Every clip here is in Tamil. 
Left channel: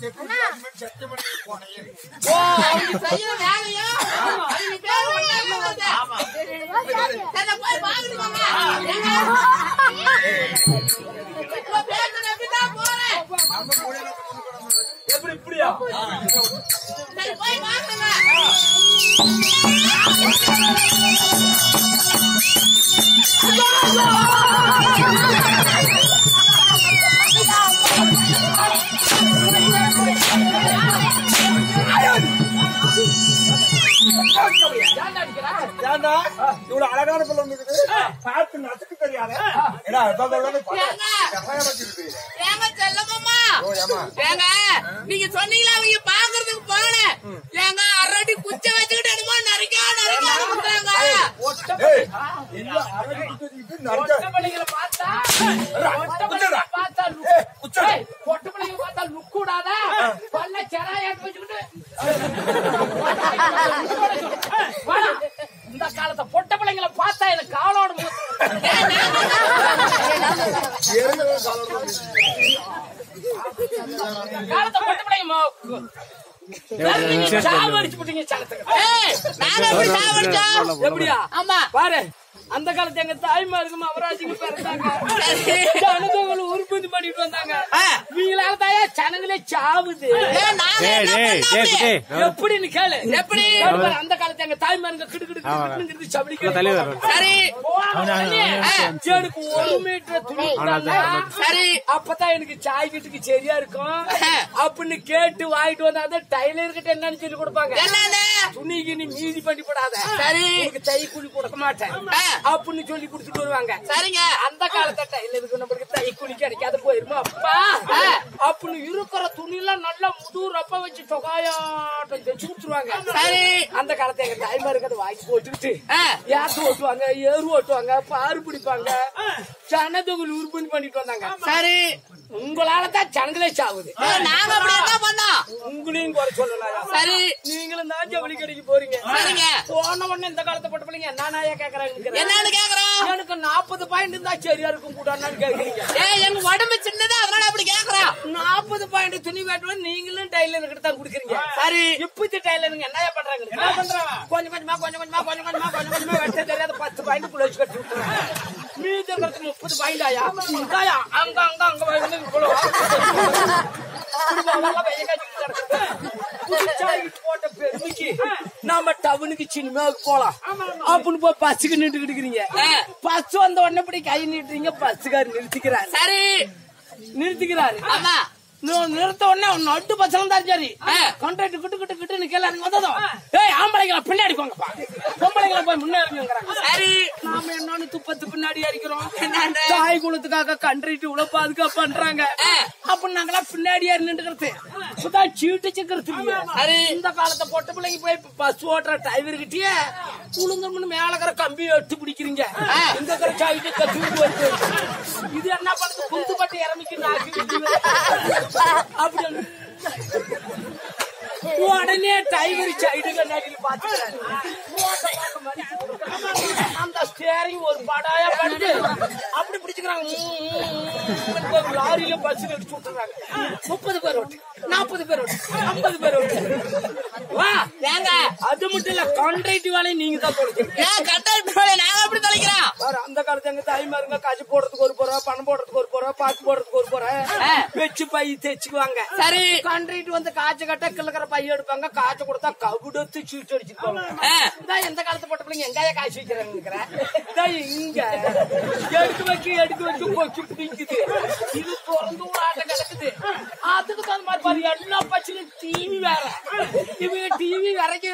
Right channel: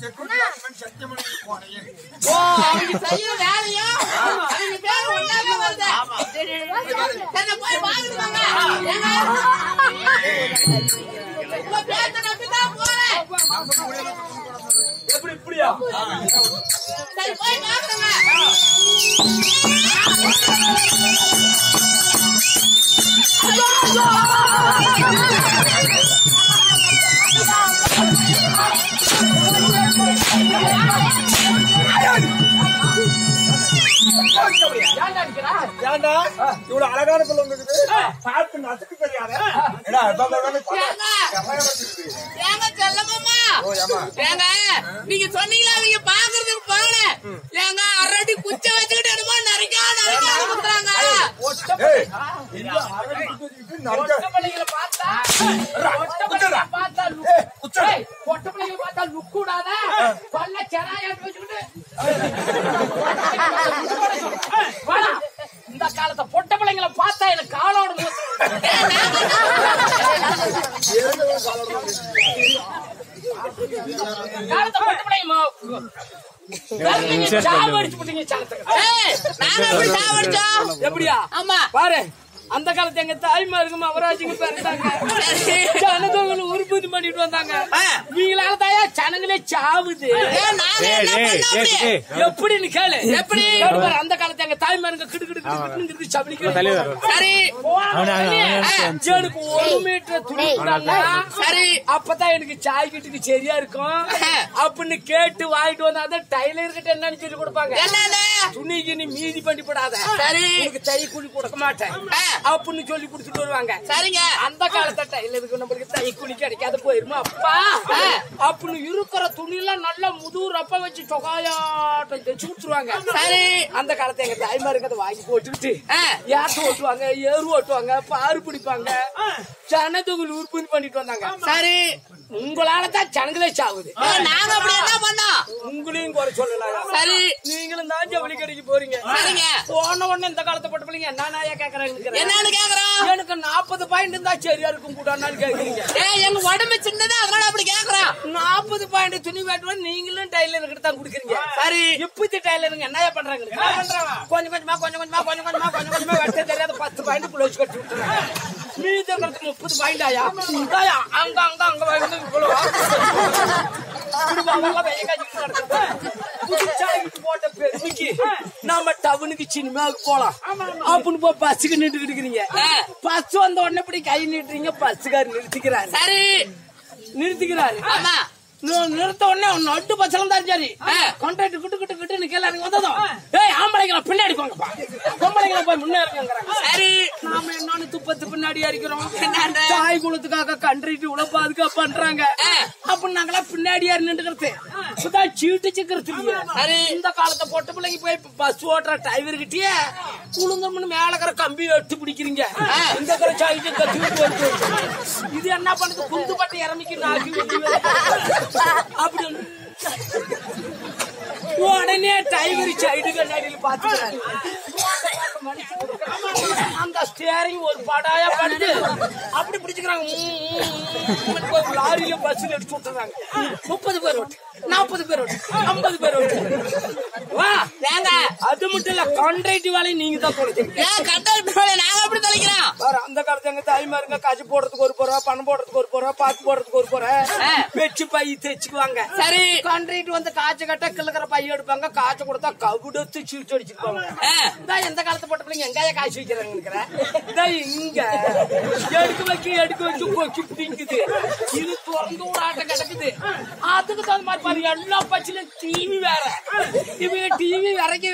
செக்யூரிட்டி வாட்ச்மேன் சத்தியமணி போனேன். ஓ அவங்க செய்ய வேலையா அவங்க பேர் ஒண்ணாவே வருது. ஆமா சரி போய் பாத்துக்கோங்க. இப்போ பேர் நம்பி தான் போறேன். எப்படி இப்படியா சரி போய் பாருங்க. இவ்வளவு அழகான பிள்ளை வந்துருக்குது. பார்த்து நசுக்கு தெரியாத ஏங்க செல்லமாமா ஏங்க நீங்க சொன்னீங்களா அவங்க பாக்குறதுக்கு போனேன். ஏங்க அரடி குச்ச வச்சுக்கிட்டு என்னமோ நரிக்கா நரிக்காங்க. பொட்ட பிள்ளைங்க பார்த்தா லுக் கூடாத பல்ல செராயா வச்சுக்கிட்டு இந்த காலத்தை பொட்ட பிள்ளைங்களை பார்த்தா எனக்கு காலோட காலத்தை பொட்ட பிள்ளைங்க எப்படியா ஆமா பாரு அந்த காலத்து எங்க தாய்மாருக்கு அவராஜிங்க பிறந்தாங்க. ஜனங்களை உற்பத்தி பண்ணிட்டு வந்தாங்க. இவங்களால தாயா ஜனங்களே சாவுது. எப்படின்னு கேளு. எப்படி அந்த காலத்து எங்க தாய்மாருங்க கிடுக்கிடு சபளிக்கு சரி எனக்கு 1 மீட்டர் துணி சரி அப்பதான் எனக்கு சாய் வீட்டுக்கு சரியா இருக்கும் அப்படின்னு கேட்டு வாங்கிட்டு வந்தா டைலர் கிட்ட என்னன்னு சொல்லி கொடுப்பாங்க. துணிக்கு நீ மீதி பண்ணி போடாத சரி எனக்கு தை கூலி கொடுக்க மாட்டேன் அப்படின்னு சொல்லி குடுத்துட்டு வருவாங்க. சரிங்க அந்த காலத்தை டைலருக்கு நம்மளுக்கு தை கூலி கிடைக்காத போயிருமா அப்பா அப்படின்னு இருக்கிற துணி எல்லாம் நல்லா முதுகு ரப்ப வச்சு தொகாயாட்டம் தைச்சு கொடுத்துருவாங்க. சரி அந்த காலத்தை எங்க தாய்மாருக்கு அதை வாங்கி போட்டுக்கிட்டு யாத்து ஓட்டுவாங்க ஏறு ஓட்டுவாங்க பாரு பிடிப்பாங்க ஜனதொகுல் உற்பத்தி பண்ணிட்டு வந்தாங்க. சரி உங்களாலதான் ஜனங்களே சாவுது. நாங்க அப்படி என்ன பண்ணோம் உங்களையும் குறை சொல்லலாம். சரி நீங்களும் தான் ஜவுளி கடைக்கு போறீங்க. போன உடனே இந்த காலத்தை போட்ட பிள்ளைங்க என்னயா கேக்குறாங்க என்னன்னு கேக்குறோம். எனக்கு 40 பாயிண்ட் இருந்தா சரியா இருக்கும் கூடான்னு கேக்குறீங்க. எங்க உடம்பு சின்னதா அதனால அப்படி கேக்குறோம். 40 பாயிண்ட் துணி வேட்டுவோம் நீங்களும் டைலர் கிட்ட தான் குடுக்குறீங்க. சரி இப்பத்தி டைலருங்க என்னயா பண்றாங்க கொஞ்சம் கொஞ்சமா வெட்ட தெரியாத 10 பாயிண்ட் குளிச்சு கட்டி விட்டுறாங்க. மீதி 30 பாயிண்ட் ஆயா அங்க அங்க அங்க போட்ட பெருமைக்கு நாம டவுனுக்கு சினிமாவுக்கு போலாம் அப்படின்னு போய் பஸ்ஸுக்கு நின்றுட்டு இருக்கிறீங்க. பஸ் வந்த உடனே இப்படி கை நீட்டுறீங்க. பஸ்ஸுக்காரு நிறுத்திக்கிறாரு. சரி நிறுத்திக்கிறாரு. ஆமா நிறுத்த உடனே நட்டு பச்சலம் தான் சரி கான்ட்ராக்ட் கிட்டு கிட்டு கிட்டு கேள்வி வந்ததும் ஆம்பளைங்களை பின்னாடி போங்கப்பா பொம்பளைங்களை போய் முன்னேறுங்கிறாங்க. சரி நாம என்னன்னு துப்பத்து பின்னாடி அடிக்கிறோம். தாய் குலத்துக்காக கண்ட்ரிட்டு இவ்வளவு பாதுகாப்பு பண்றாங்க அப்படின்னு நாங்களா பின்னாடியா நின்றுக்கிறது இப்பதான் சீட்டு சிக்கிறது. சரி இந்த காலத்தை பொட்ட பிள்ளைங்க போய் பஸ் ஓட்டுற டிரைவர் கிட்டே குழுங்கம்னு மேலக்கிற கம்பி எட்டு பிடிக்கிறீங்க. இந்த சைட்டு கத்து வருது. இது என்ன பண்ணுது குந்து பட்டு இறமிக்கு நாக்கு அப்படி உடனே டைகர் சைடு கண்ணாடியில் பாத்துக்கிறாரு. அந்த ஸ்டேரிங் ஒரு படாயா படுது அப்படி பிடிச்சுக்கிறாங்க. லாரியில பஸ்ல அடிச்சு விட்டுறாங்க. 30 பேர் ஓட்டு 40 பேர் ஓட்டு 50 பேர் ஓட்டு. ஏங்க அது மட்டும் இல்ல கான்ட்ராக்ட் வேலையை நீங்க தான் தொலைக்கிறீங்க. நாங்க அப்படி தொலைக்கிறோம். அந்த காலத்து எங்க தாய்மாருங்க காசு போடுறதுக்கு ஒரு போறோம் பணம் போடுறதுக்கு ஒரு போறோம் பாக்கு போடுறதுக்கு ஒரு போறோம் வச்சு பை தைச்சுக்குவாங்க. சரி கான்ட்ராக்ட் வந்து காய்ச்ச கட்ட கிழக்கிற பைய எடுப்பாங்க. காய்ச்ச கொடுத்தா கவுடத்து சீட்டு அடிச்சுக்குவாங்க. எந்த காலத்து போட்ட பிள்ளைங்க எங்காய காய்ச்சி வைக்கிறாங்க இங்க எடுக்க வச்சு கொக்கி பிடிக்குது. இது திறந்து ஒரு ஆட்டம் கிடக்குது. அதுக்கு தகுந்த மாதிரி பாரு எல்லா பச்சிலும் டிவி வேற இவங்க டிவி விறக்கி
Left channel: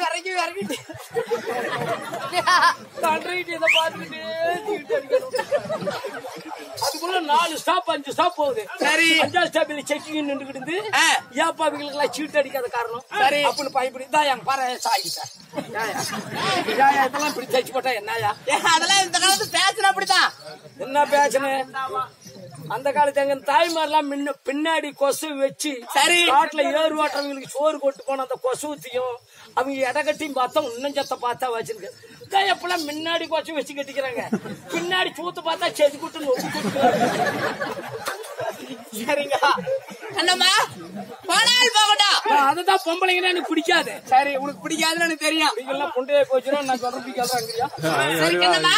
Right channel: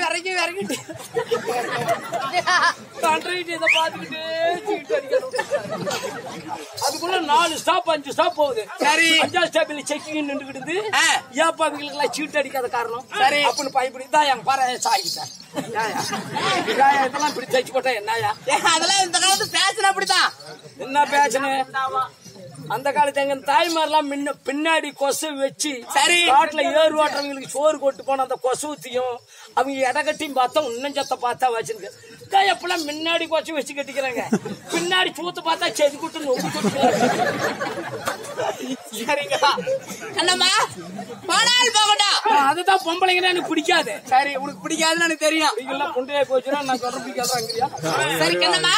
கான்ட்ராக்ட் இதை பாத்துக்கிட்டே சீட்டு அடிக்கணும். அதுக்குள்ள 4 ஸ்டாப் 5 ஸ்டாப் போகுது. சரி 5 ஸ்டாப்ல செக்கிங் நின்றுக்கிட்டு ஏப்பா அவங்களுக்கு எல்லாம் சீட்டு அடிக்காத காரணம் சரி அப்படின்னு பயப்படி தான் என் பாரு சாகிட்டார். இதெல்லாம் இப்படி தைச்சு போட்டா என்னயா அதெல்லாம் இந்த காலத்து பேசணும். அப்படிதான் என்ன பேசணும். அந்த காலத்து எங்க தாய்மாரெல்லாம் பின்னாடி கொசு வச்சு சரி காட்டுல ஏறு ஓட்டுறவங்களுக்கு சோறு கொட்டு போன அந்த கொசுவத்தையும் அவங்க இடக்கட்டியும் பார்த்தா இன்னும் சத்த பார்த்தா வச்சிருக்கு. எப்பெல்லாம் முன்னாடி கொச்சு வச்சு கட்டிக்கிறாங்க. பின்னாடி சூத்து பார்த்தா செடி குட்டு நொம்பு குட்டு சரிங்க கண்ணம்மா போனால் போகட்டும். அதுதான் பொம்பளைங்கன்னா எனக்கு பிடிக்காது. சரி உனக்கு பிடிக்காதுன்னு எனக்கு தெரியும். நீங்கெல்லாம் பொண்டையா போச்சுன்னா நான் சொல்ற பிடிக்காதாங்கிறியா? சரி கண்ணம்மா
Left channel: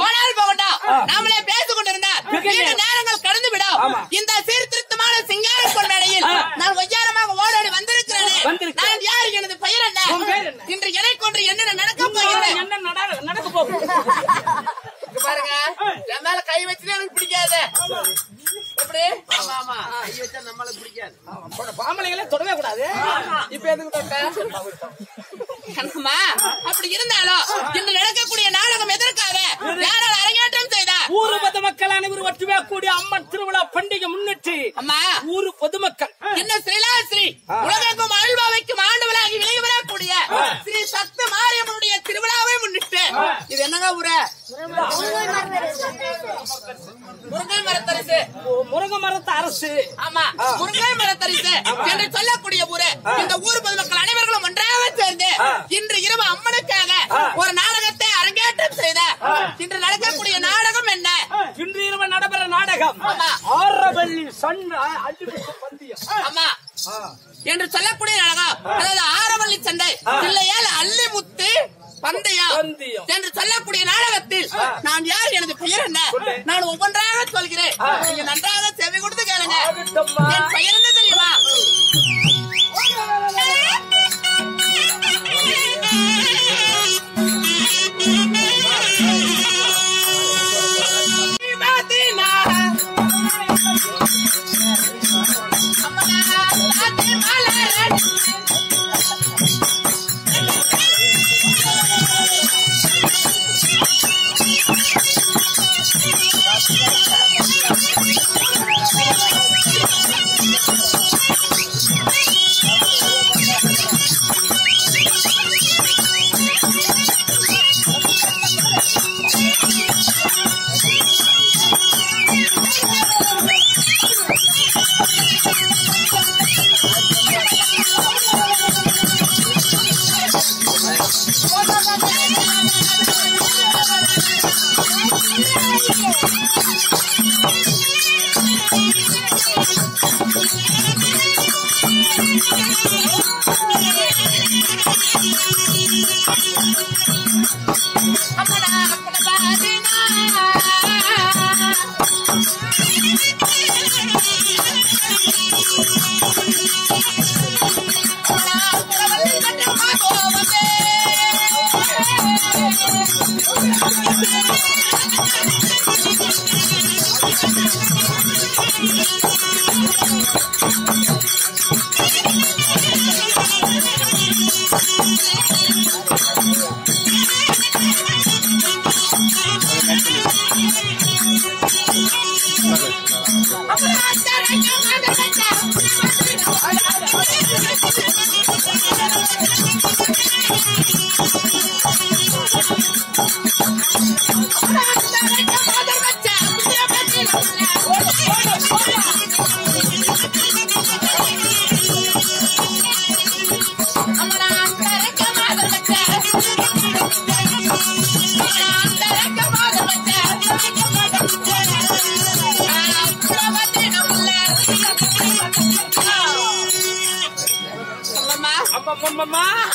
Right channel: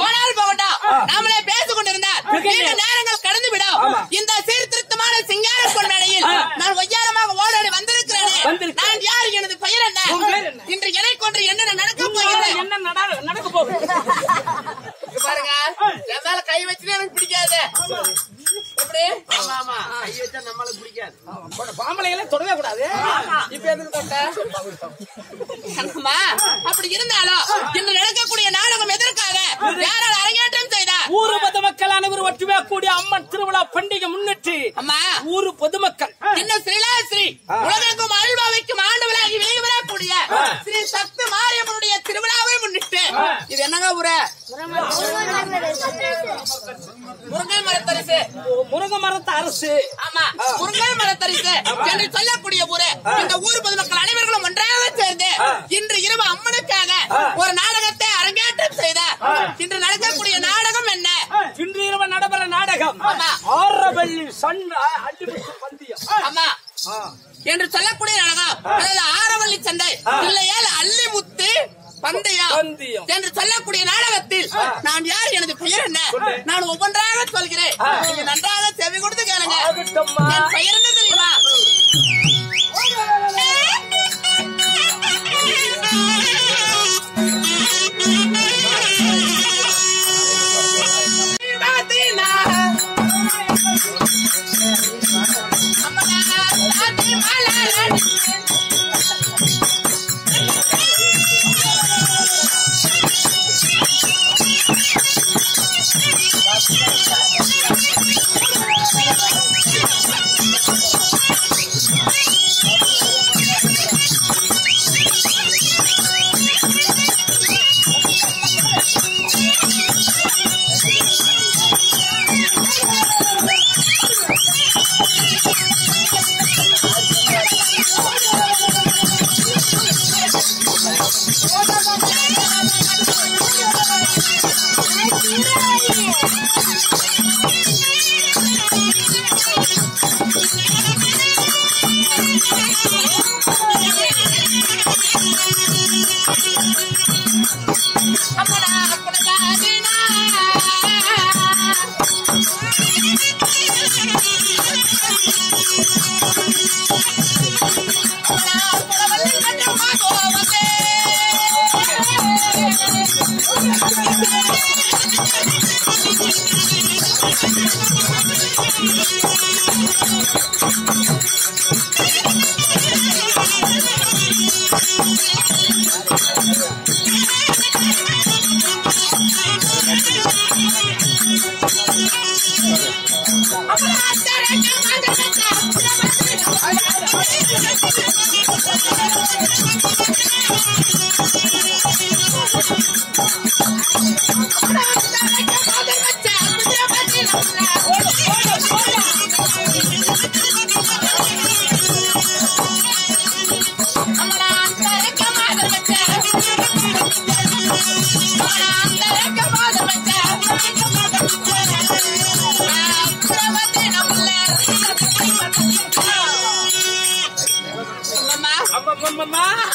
போனால் போகட்டும். நாமளே பேசிக் கொண்டிருந்தால் நீண்ட நேரங்கள் கடந்து விடும். இந்த சீர்திருத்தமான சிங்கார பொன்மேடையில் நான் ஒய்யாரமாக ஓடாடி வந்திருக்கிறேன். நான் யார், எனது பெயர் என்ன, இன்று என்னை கொன்று என்ன நடக்க போகிறது, என்ன நடக்க போகுது பாருங்க. என் மேல கை வச்சுட்டு எனக்கு பிடிக்காது. எப்படி கை வச்சா நம்மளுக்கு பிடிக்காது. பாம்பளைகளை தொடவே கூடாது. இப்ப எதுக்கு தொட்ட கண்ணம்மா? அப்படி இருந்தாலும் இன்று நடக்கக்கூடிய நாடகம் எதற்காக, யாரால் அரங்கேற்றம் செய்தார்? ஊரு பொதுமக்கள் அனைவரும் ஒற்றுமையா கூடிய அம்மன் திருவிழா பண்டிகை முன்னிட்டு அம்மா ஊரு பொதுமக்கள் இன்னும் ஸ்ரீலாஸ்ரீ உலகெங்கும் அருள்பாவைக்கும் ஆண்டவளாகி விலகி வரக்கூடிய ஸ்ரீ சத்து மாரியம்மனுடைய திருவிழாவை முன்னிட்டு இது என்னங்க ஊரு? முருங்கை மரத்தரிசு. முருங்கை மரத்து அரசு. ஆமா முருங்கை மரத்தரிசு என்று சொல்லக்கூடிய ஊரு. இந்த ஊர் பொதுமக்கள் அனைவர்களும் ஒன்றாக சேர்ந்து இன்று இரவு அம்மனுக்காக ஒரு நாடகத்தை அரங்கேற்றம் செய்தார். இன்று நடக்கக்கூடிய நாடகம் என்ன? இன்று இரவு நடைபெற நாடகம் ஆமா ஆரவள்ளி அள்ளிமுத்து பந்தயம். ஆமா என்று சொல்லக்கூடிய நாடகம், அதாவது ஆரவள்ளி சண்டை இல்லையால் அள்ளிமுத்து பந்தயம் என்று சொல்லக்கூடிய நாடகத்தில் நான் யார், எனது பெயர் என்ன, நான் ஒவ்வொன்றாக சொல்கிறேன். நீங்க நன்றாக செவி கொடுத்து கேளுங்க. என் பெயர் என்ன தெரியுமா?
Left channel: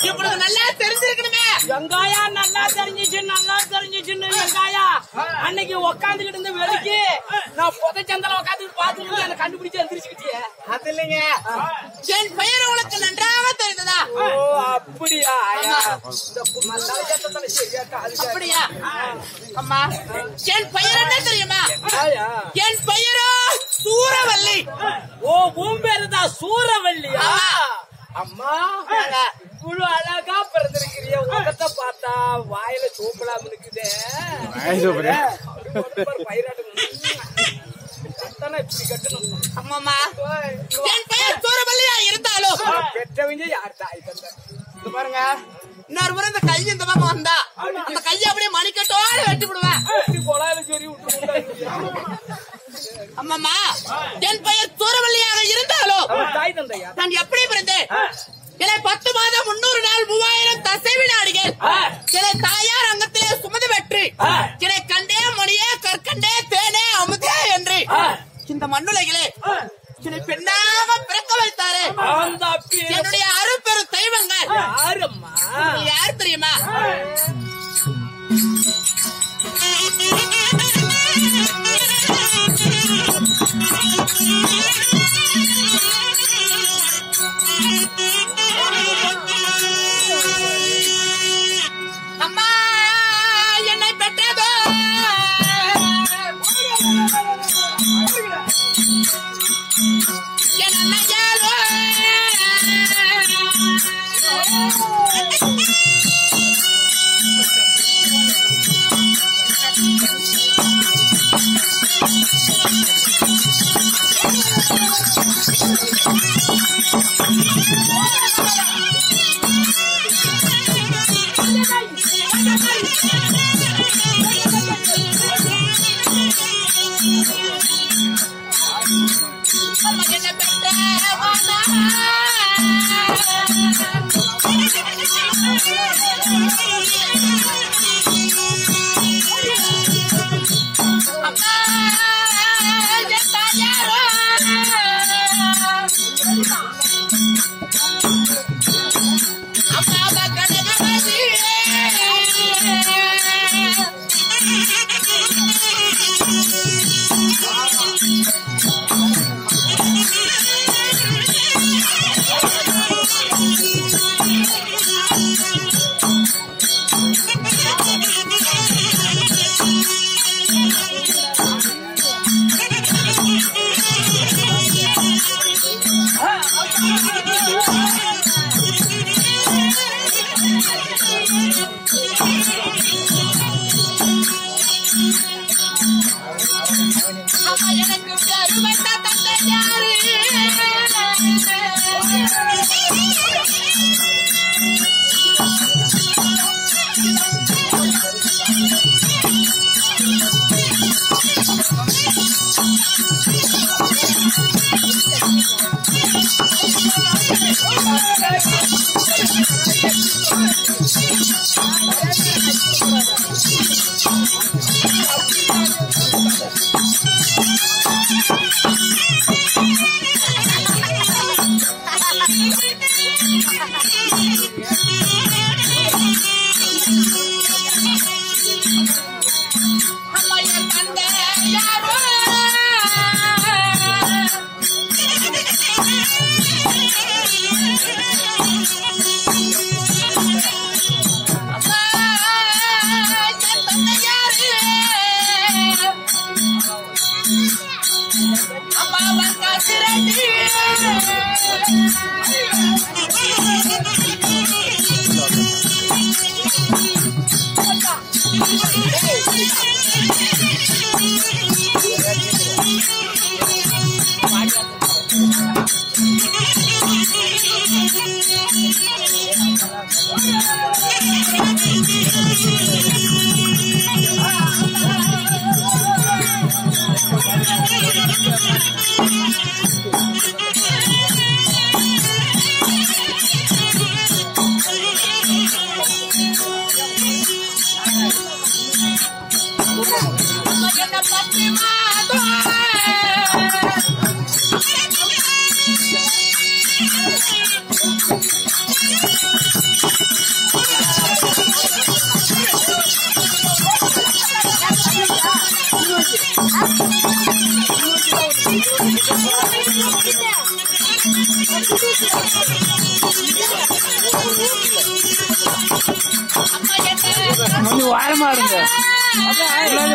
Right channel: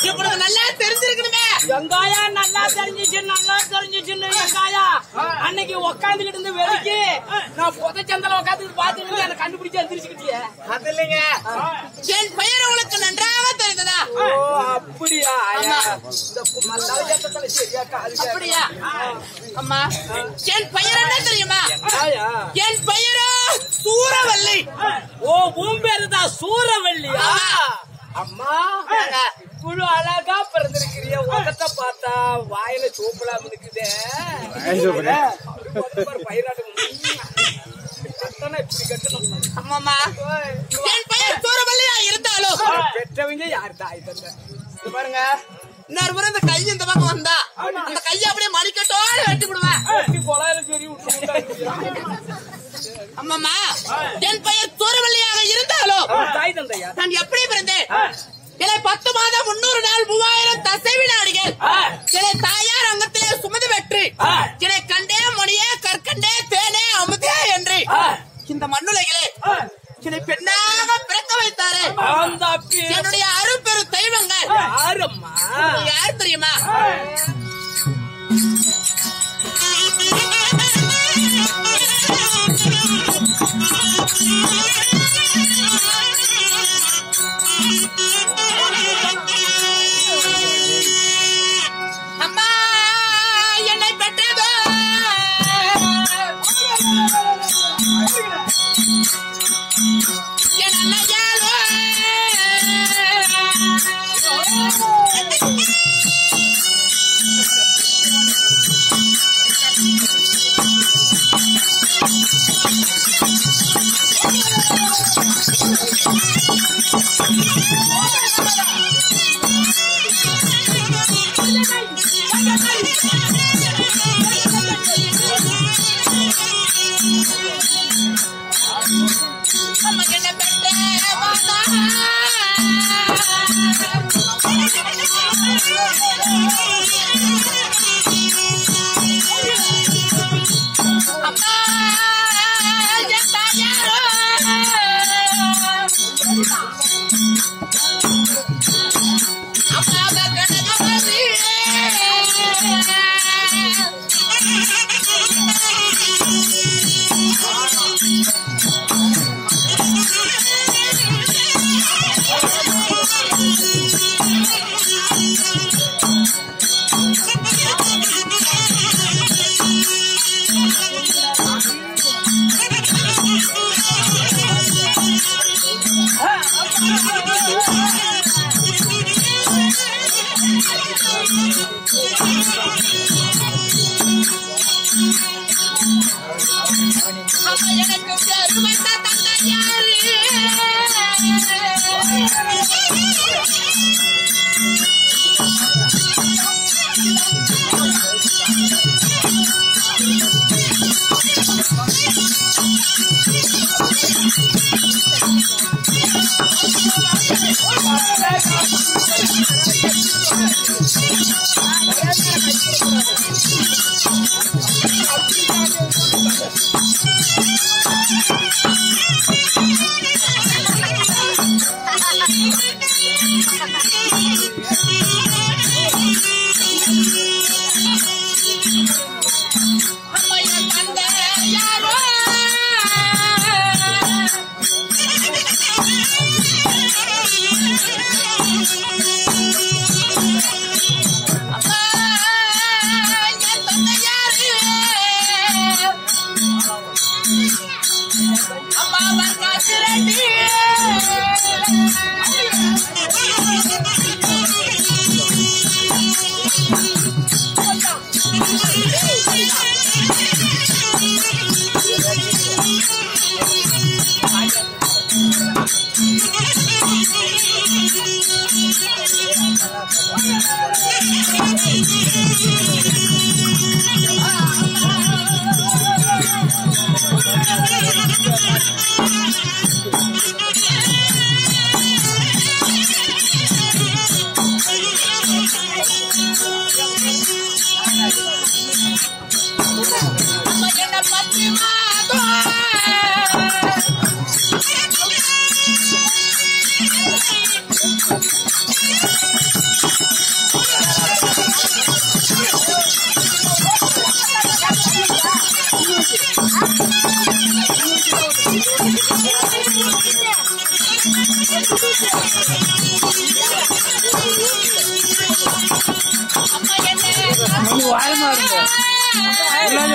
இப்பொழுது நல்லா தெரிஞ்சிருக்கணுமே. வெங்காயா நல்லா தெரிஞ்சிச்சுன்னு வெங்காயா அன்னைக்கு உக்காந்துக்கிட்டு இருந்து வெறுக்கி நான் புதைச்சந்தல உட்காந்து பாத்துட்டு அதை கண்டுபிடிச்சு எந்திரிச்சுக்கிட்டியே. அது இல்லைங்க, என் பெயர் உங்களுக்கு நன்றாக தெரிந்ததா? அப்படியா? அப்படியா? அம்மா என் பெயர் என்ன தெரியுமா? என் பெயரோ சூரவல்லி. ஓ உன் பேரு தான் சூரவல்லியா? அம்மா இவ்வளவு அழகா பிறந்திருக்கிறிய உலகத்தை பார்த்தா வாயில சோப்பலாம் இருக்குதே. அம்மாமா என் பெயர் சூரவல்லியா இருந்தாலும் பெற்றவங்க யாரு தாய் தந்த பாருங்க. இன்னொரு முறை இந்த கை இந்த பக்கம் வந்தா அந்த கையை அப்படியே மணிக்கட்டோட வெட்டி விடுவேன். அம்மாமா என் பெயர் சூரவல்லியாக இருந்தாலும் தாய் தந்தையா நான் எப்படி பிறந்தேன்? என்னை 10 மாதம் 300 நாள் 3000 தசை வினாடிகள் என்னை தாயார் அங்கத்திலே சுமந்து வெற்றி என்னை கண்டே மொழியே கற்கண்டே தேனே அமுதே என்று இந்த மண்ணுலகிலே என்னை பெண்ணாக பிறக்க வைத்தாரே என்னுடைய அரும்பெரு தெய்வங்கள் யாரம்மா? யார் தெரியுமா? அம்மா என்னை பெற்றதோ என் அன்னையாரோ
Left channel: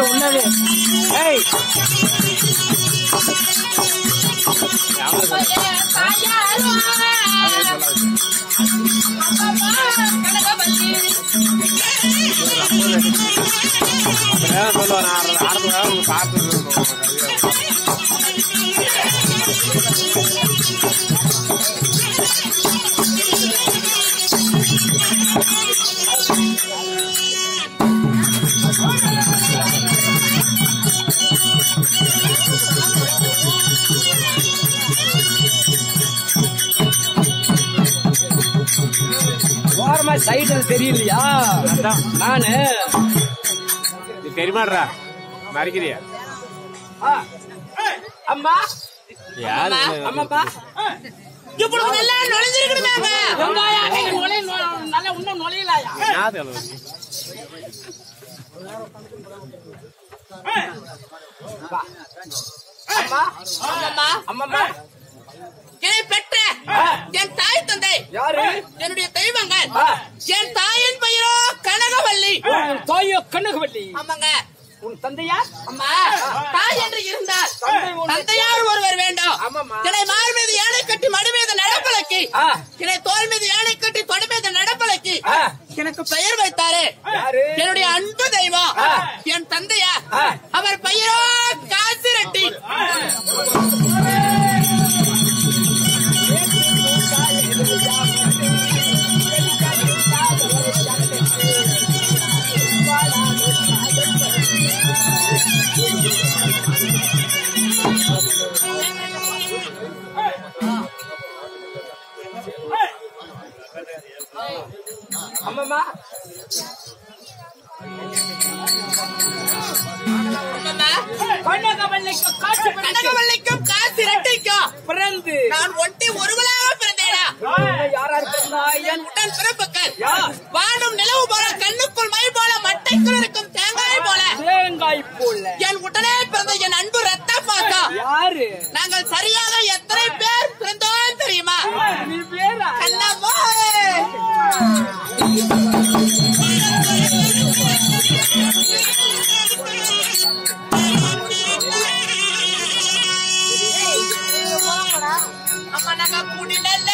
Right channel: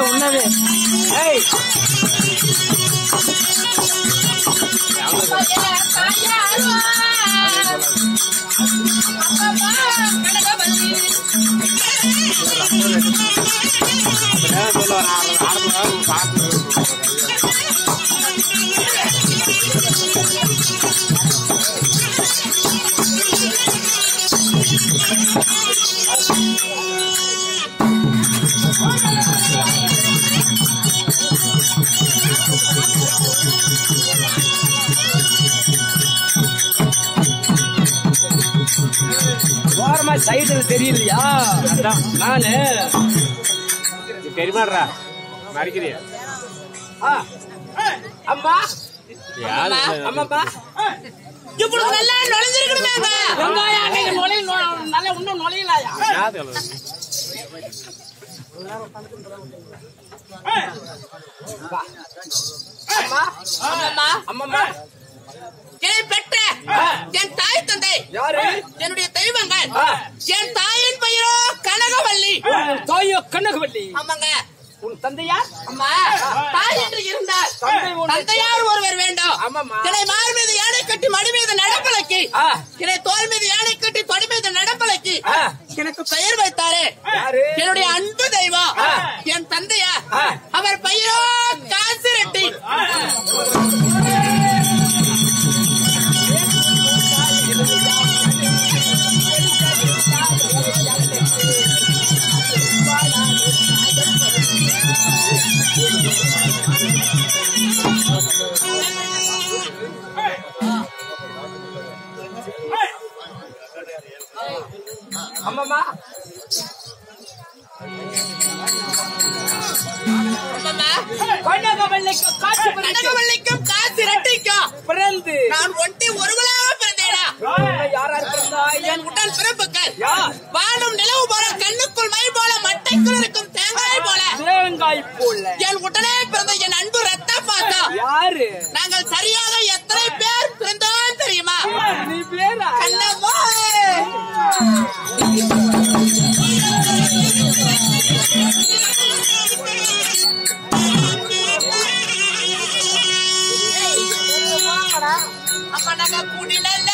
ఉన్నది ஓரமா சைடுல தெரியலையா? நானு பெருமாடுறா மறைக்கிறியா? அம்மா அம்மாப்பா இப்படி நல்லா நுழைஞ்சிருக்கணுமே வெங்காயம் நல்லா இன்னும் நுழையலாயா அம்மா என்னை பெற்ற என் தாய் தந்தை யாரு என்னுடைய தெய்வங்கள் என் தாயின் பெயரோ கனகவல்லி தாயோ கனகவல்லி ஆமாங்க உன் தந்தையார் அம்மா தாய் என்று இருந்தார் தந்தையார் ஒருவர் வேண்டும் என்னை மார் மீது யானை கட்டி மடி மீது நடப்பலக்கி என்னை தோல் மீது யானை கட்டி தொடி மீது நடப்பலக்கி எனக்கு பெயர் வைத்தாரே என்னுடைய அன்பு தெய்வம் என் தந்தையார் அவர் பெயரோ காசிரெட்டி அம்மா கனகவல்லிக்கும் காசிரெட்டிக்கும் பிறந்து நான் ஒட்டி ஒருவளாக பிறந்தேனா யாரா இருந்தா என் உடல் பிறப்புகள் வானம் நிலவு போல கண்ணுக்குள் மை போல மட்டைக்குள் இருக்கும் தேங்காய் போல என் உடனே பிறந்த என் அன்பு ரத்த பாசம் யாரு நாங்கள் சரியாக எத்தனை பேர் பிறந்தோம் தெரியுமா நீ பேரா கண்ணம்மா அம்மா நாங்க கூடினல்ல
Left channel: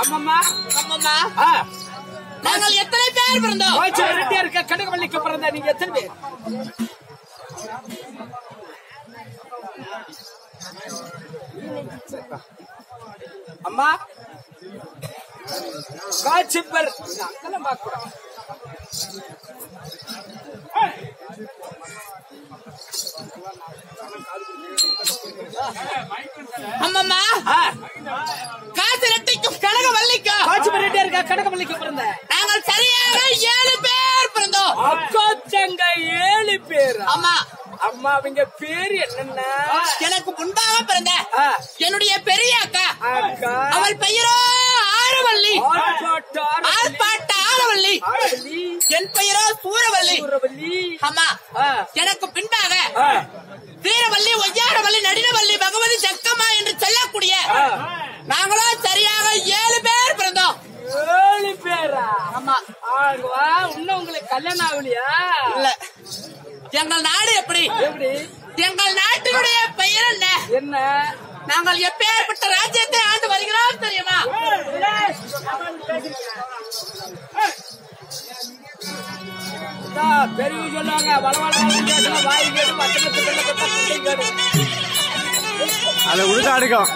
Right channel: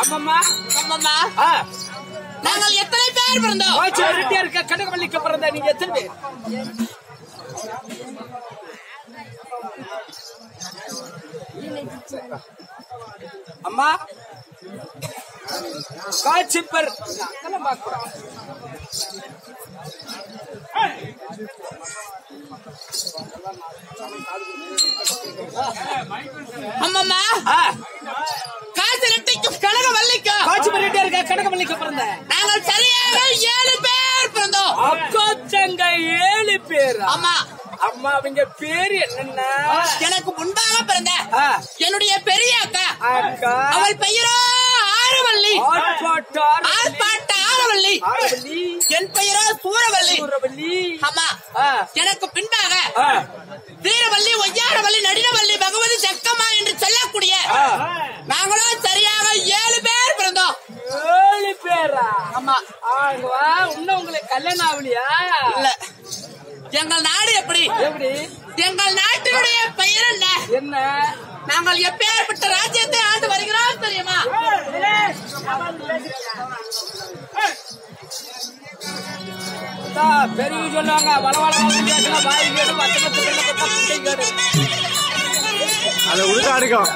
அம்மம்மா அம்மம்மா ஆ நாங்கள் எத்தனை பேர் பிறந்தோம்? கோச்சு ரெட்டியா இருக்க கனகவல்லிக்கு பிறந்த நீங்க எத்தனை பேர்? அம்மா காட்சிப்பர் அங்கெல்லாம் பார்க்கிறோம். அம்மம்மா காசு ரெட்டிக்கும் கனகவல்லிக்கும் காட்சிப்பர் ரெட்டியா இருக்க கனகவல்லிக்கு பிறந்த நாங்கள் சரியாக 7 பேர் பிறந்தோம். அக்கா தங்க 7 பேர். ஆமா. அம்மா அவங்க பேரு என்னன்னா எனக்கு முன்பாக பிறந்த ஆ, என்னுடைய பெரிய அக்கா அக்கா அவள் பெயரோ ஆரவல்லி. ஆர்ப்பாட்ட ஆரவல்லி. ஆரவல்லி, என் பெயரோ சூரவல்லி. சூரவல்லி. ஆமா. ஆ, எனக்கு பின்பாக ஆ, வீரவல்லி, ஒய்யாரவல்லி, நடினவல்லி, பகவதி, சக்கம்மா என்று சொல்லக்கூடிய ஆ. நாங்களும் சரியாக 7 பேர் பிறந்தோம். 7 பேரா? ஆமா. ஆங்க வா, இன்னும் உங்களுக்கு கல்யாணம் ஆகலையா? இல்ல. எங்கள் நாடு எப்படி? எப்படி? எங்கள் நாட்டினுடைய பெயர் என்ன? என்ன? நாங்கள் எப்பேற்பட்ட ராஜ்யத்தை ஆண்டு வருகிறோம் தெரியுமா? பெரிய சொல்லுவாங்க வளவள வாய் கேடு பச்சை கேடு அதை உடுக்க அடுக்கும்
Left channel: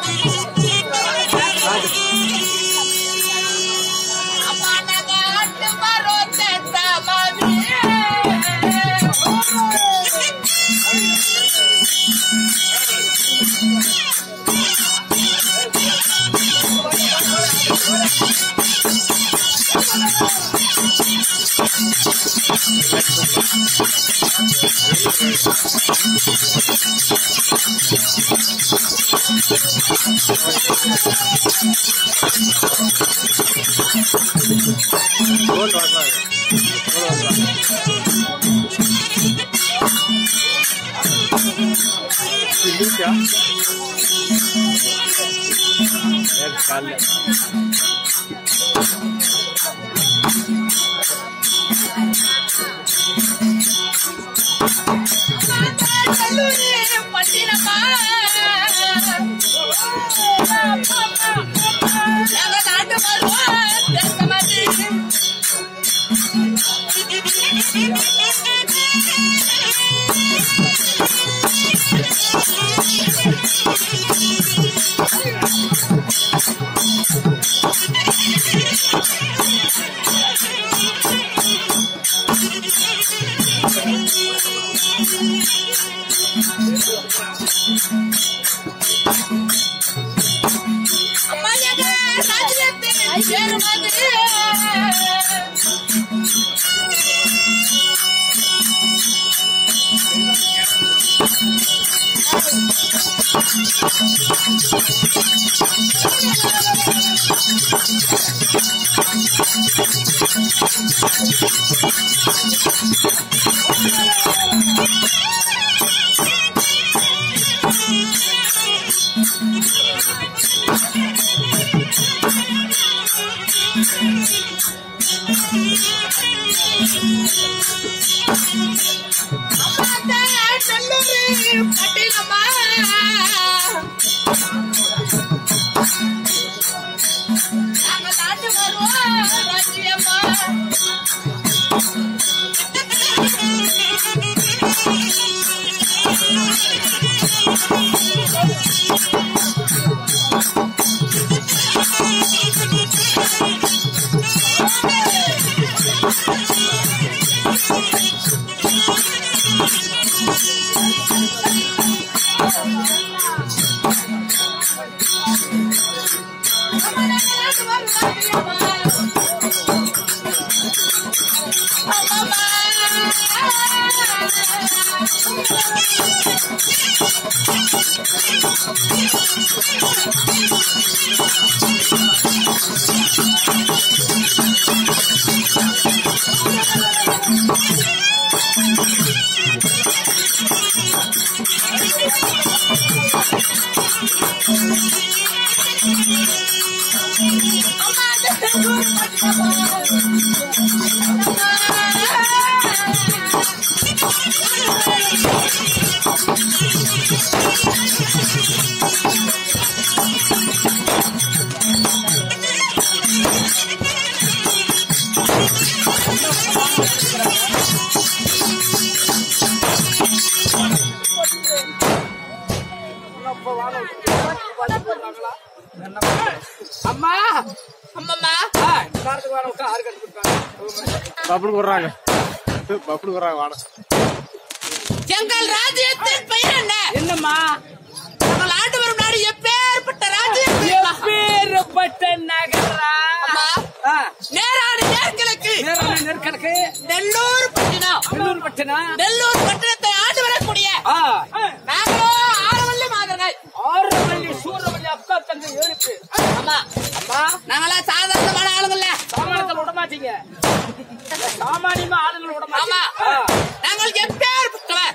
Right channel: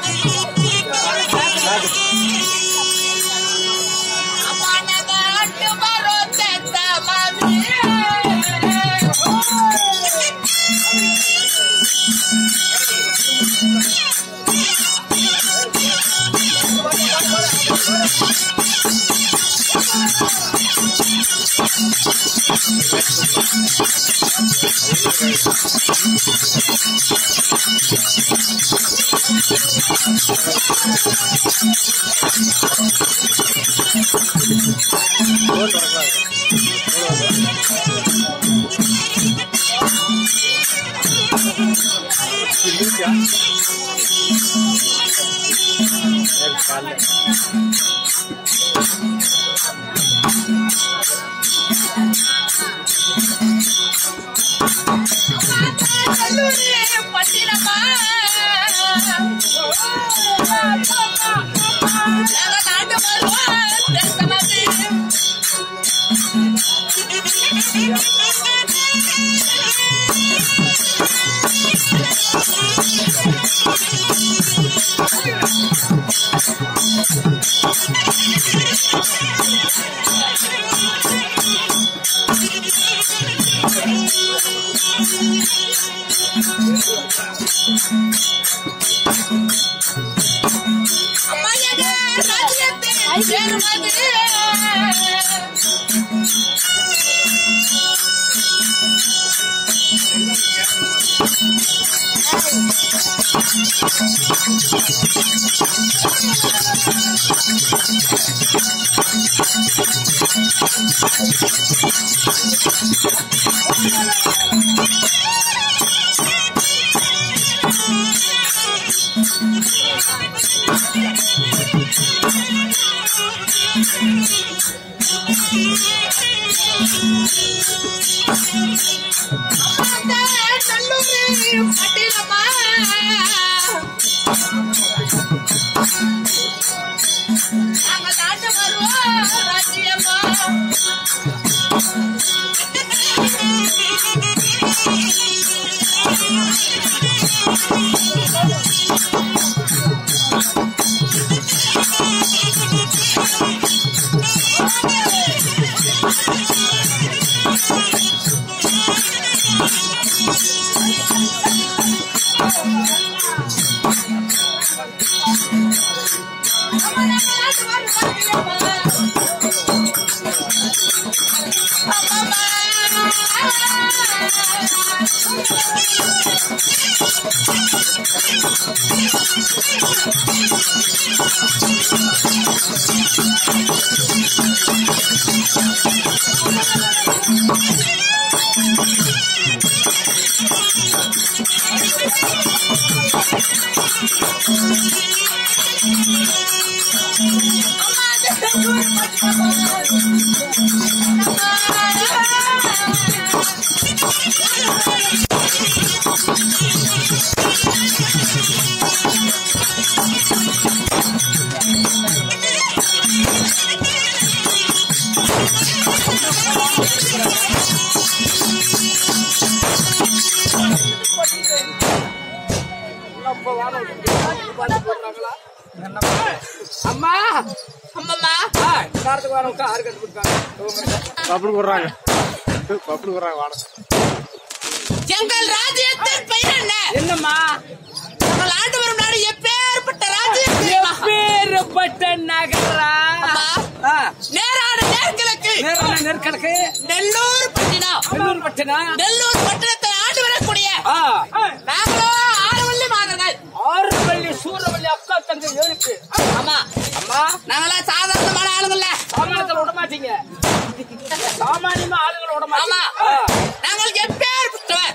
அம்மா அம்மம்மா காரத்துக்கு வர விட்டா ஆறு கட்டு கொடுப்பாங்க எங்கள் ராஜ்யத்தின் பெயர் என்ன? என்னம்மா நாங்கள் ஆண்டு வரும் நாடு எப்பேற்பட்ட ராஜ்யம்? எப்பேற்பட்ட நகரா? நேரான நேர்கிழக்கு நெற்கணக்கு நெல்லூர் பட்டினம். நெல்லூர் பட்டினம். நெல்லூர் பட்டினத்தை ஆண்டு வரக்கூடிய நாங்களோ ஆரவல்லி மாதர்கள். ஆரவல்லி சூரவல்லி அக்கா தங்க எழுப்பு. ஆமா அம்மா நாங்களாம் சாதாரணமான ஆளுங்கள்ல. சாமானியத்தில் விட மாட்டீங்க. சாமானியமா ஆளுங்களை விட ஆமா நாங்கள் எப்பேற்பட்டவர்?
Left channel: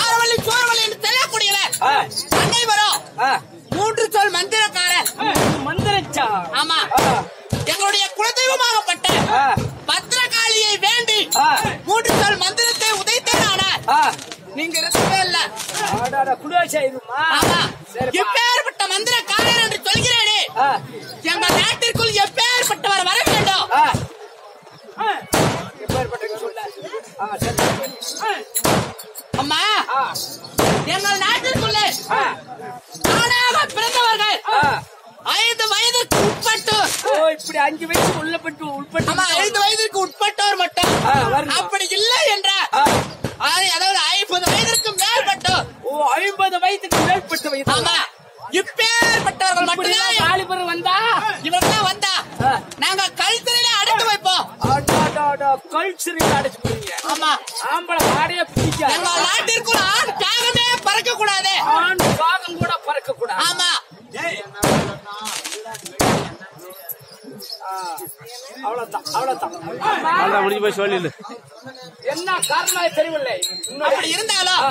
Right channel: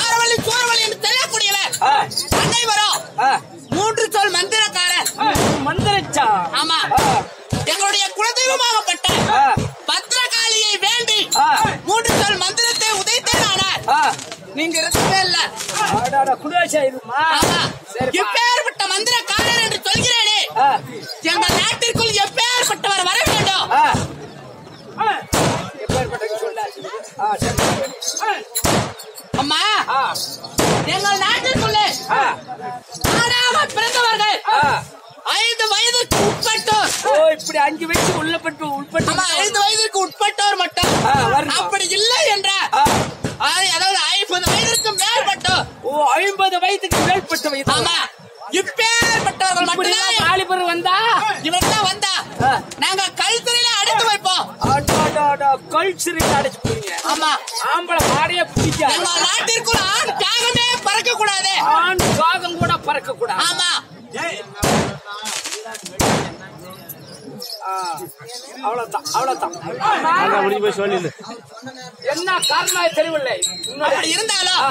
ஆரவல்லி சூரவல்லி என்று தெரியக்கூடியவர். அனைவரும் 3 சொல் மந்திரக்காரர். மந்திரச்சா? ஆமா எங்களுடைய குலதெய்வமாகப்பட்ட பத்திரகாளியை வேண்டி 3 சொல் மந்திரத்தை உதைத்தேனானார். நீங்க இருக்கவே இல்ல. குடியாச்சாயிருமா? ஆமா எப்பேற்பட்ட மந்திரக்காரர் என்று சொல்கிறேனே, எங்கள் நாட்டிற்குள் எப்பேற்பட்டவர் வர வேண்டும்? அம்மா எங்கள் நாட்டிற்குள்ளே காணாமல் பிறந்தவர்கள் 5 வயதுக்கு உட்பட்டோர். இப்படி 5 வயசு உட்பட்டு 5 வயதுக்கு உட்பட்டோர் மட்டும். அப்படி இல்லை என்ற அதாவது 50 வயதிற்கு மேற்பட்டோர். 50 வயதுக்கு மேற்பட்ட. ஆமா இப்பேற்பட்டவர்கள் மட்டும்தான் வாலிபர் வந்தா இவரெல்லாம் வந்தா நாங்க கல்சிறையில அடைத்து வைப்போம். கல்சிறையில் அடைச்சு போறீங்க? ஆமா ஆம்பளை மாடையே பிடிக்காது. எங்கள் நாட்டிற்குள் ஆண் காகமே பறக்க கூடாது. ஆண் காகம் கூட பறக்க கூடாது. ஆமா என்ன காரணம் தெரியவில்லை. அப்படி இருந்தாலும்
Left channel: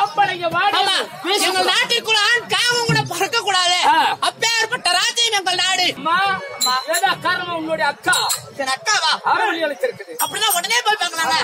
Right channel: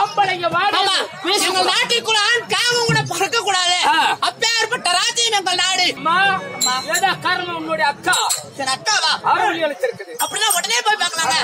ஆம்பளைங்க எங்கள் நாட்டிற்குள் ஆண் காகம் கூட பறக்க கூடாது. அப்பேற்பட்ட ராஜ்யம் எங்கள் நாடு. காரணம் உங்களுடைய அக்கா அக்காவா ஆரோக்கியம் இருக்குது. அப்படின்னா உடனே போய் பார்க்கலாங்க.